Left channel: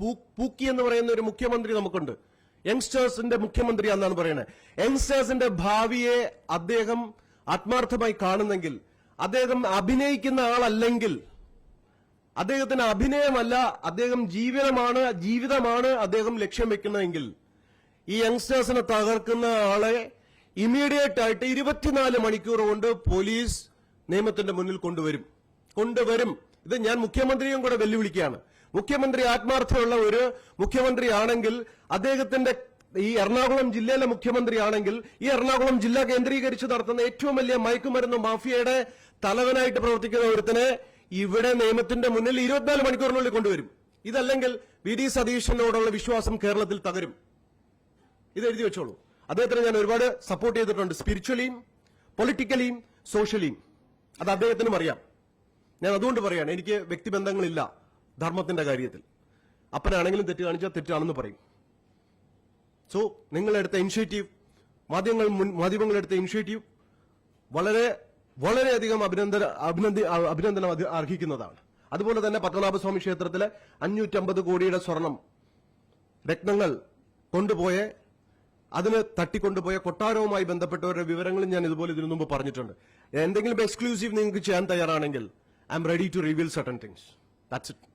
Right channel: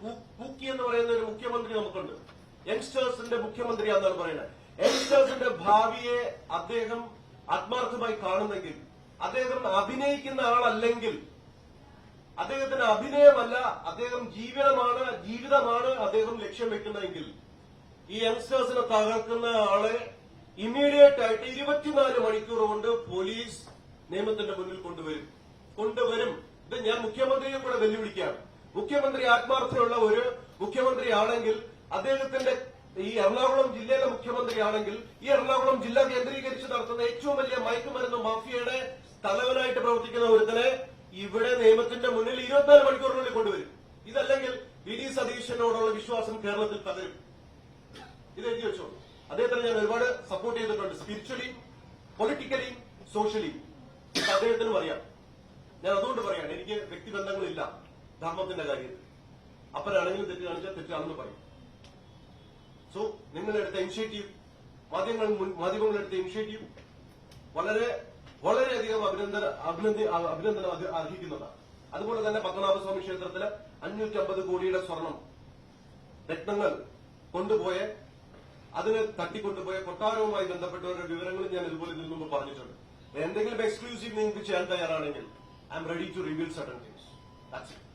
പൂക്കി എന്ന് പറയുന്ന ഒരു മുഖ്യമന്ത്രി നമുക്കുണ്ട്. യങ്സ്റ്റേഴ്സിന്റെ മുഖ്യമന്ത്രി എന്നാണ് പറയുന്നത്. യങ്സ്റ്റേഴ്സിന്റെ ഭാവിയെ അദ്ദേഹം ആത്മാർത്ഥമായി കാണുന്നെങ്കിൽ, അദ്ദേഹം അഭിനയിക്കുന്ന ആളല്ലെങ്കിൽ, അദ്ദേഹത്തിന് അഭിനയമല്ല, അദ്ദേഹം ജീവിതമാണ് അദ്ദേഹം ലക്ഷ്യം വെക്കുന്നതെങ്കിൽ, ഈ യങ്സ്റ്റേഴ്സിനെ തകർക്കുന്ന ആളെ ഇമ്മീഡിയറ്റ് ആയിട്ട് 24 മണിക്കൂർ കൊണ്ട് പോലീസ് നിയമത്തിന്റെ മുന്നിൽ കൊണ്ടുവരും. ഇത് ഞാൻ മുഖ്യമന്ത്രിയും കൂടെ വെല്ലുവിളിക്കുകയാണ്. മുഖ്യമന്ത്രി ആത്മാർത്ഥമുള്ള ഒരു മുഖ്യമന്ത്രിയാണെങ്കിൽ, അദ്ദേഹത്തിന്റെ ഈ എറണാകുളം ജില്ലയിലെ മുഖ്യമന്ത്രിയാണെങ്കിൽ, ഈ എറണാകുളം ജില്ല കേന്ദ്രീകരിച്ച് നടത്തുന്ന ഏറ്റവും വലിയ മയക്കുമരുന്ന് മാഫിയയുടെ തലവനായിട്ട് പ്രവർത്തിക്കുന്ന ഒരുത്തനെ ഇവിടെ നിയമത്തിന്റെ മുന്നിൽ 24 മണിക്കൂറിനുള്ളിൽ കൊണ്ടുവരും. ഇതല്ലെങ്കിൽ വി.ഡി. സതീശനോടുള്ള വിശ്വാസം കേരളത്തിൽ തകരും. ഇത് എഴുതി വെച്ചോളൂ. അദ്ദേഹത്തിന് ഞാൻ ഒരുപാട് സപ്പോർട്ട് ചെയ്തിട്ടുണ്ട്, സ്പിരിച്വലിയും പൊളിറ്റിക്കലിയും സോഷ്യലിയും. അത് അദ്ദേഹത്തിനും അറിയാം. ഞാൻ അതുകൊണ്ട് പറയാണ്, എനിക്ക് വ്യക്തിബന്ധങ്ങളില്ല ധർമ്മത്തിന്റെ കാര്യത്തിൽ. അപ്പനാണെങ്കിലും തെറ്റ് കാണിച്ചാൽ തെറ്റാണെന്ന് പറയും. സോ നിങ്ങളെടുത്ത ഇനിഷ്യേറ്റീവ്, മാധ്യമങ്ങളെടുത്ത ഇനിഷ്യേറ്റീവ് വളരെയധികം അഭിനന്ദനം അർഹിക്കുന്നതാണ്. അതുപോലെ തന്നെ പത്മനാഭസ്വാമി ക്ഷേത്രത്തിലെ 550 കോടിയുടെ സ്വർണം, രത്നങ്ങൾ അതിന് തട്ടിക്കൊണ്ടുപോയ കൊട്ടാരവുമായി ബന്ധപ്പെട്ടവരുടെ വിവരങ്ങളും ഞാൻ ഇതുപോലെ ഇതിനു മുമ്പ് പറഞ്ഞിട്ടുണ്ട്. എന്തെങ്കിലും എക്സ്ക്ലൂസീവ് നിങ്ങൾക്ക് ചെയ്യാൻ തയ്യാറാണെങ്കിൽ I am ready to reveal certain things. That's it.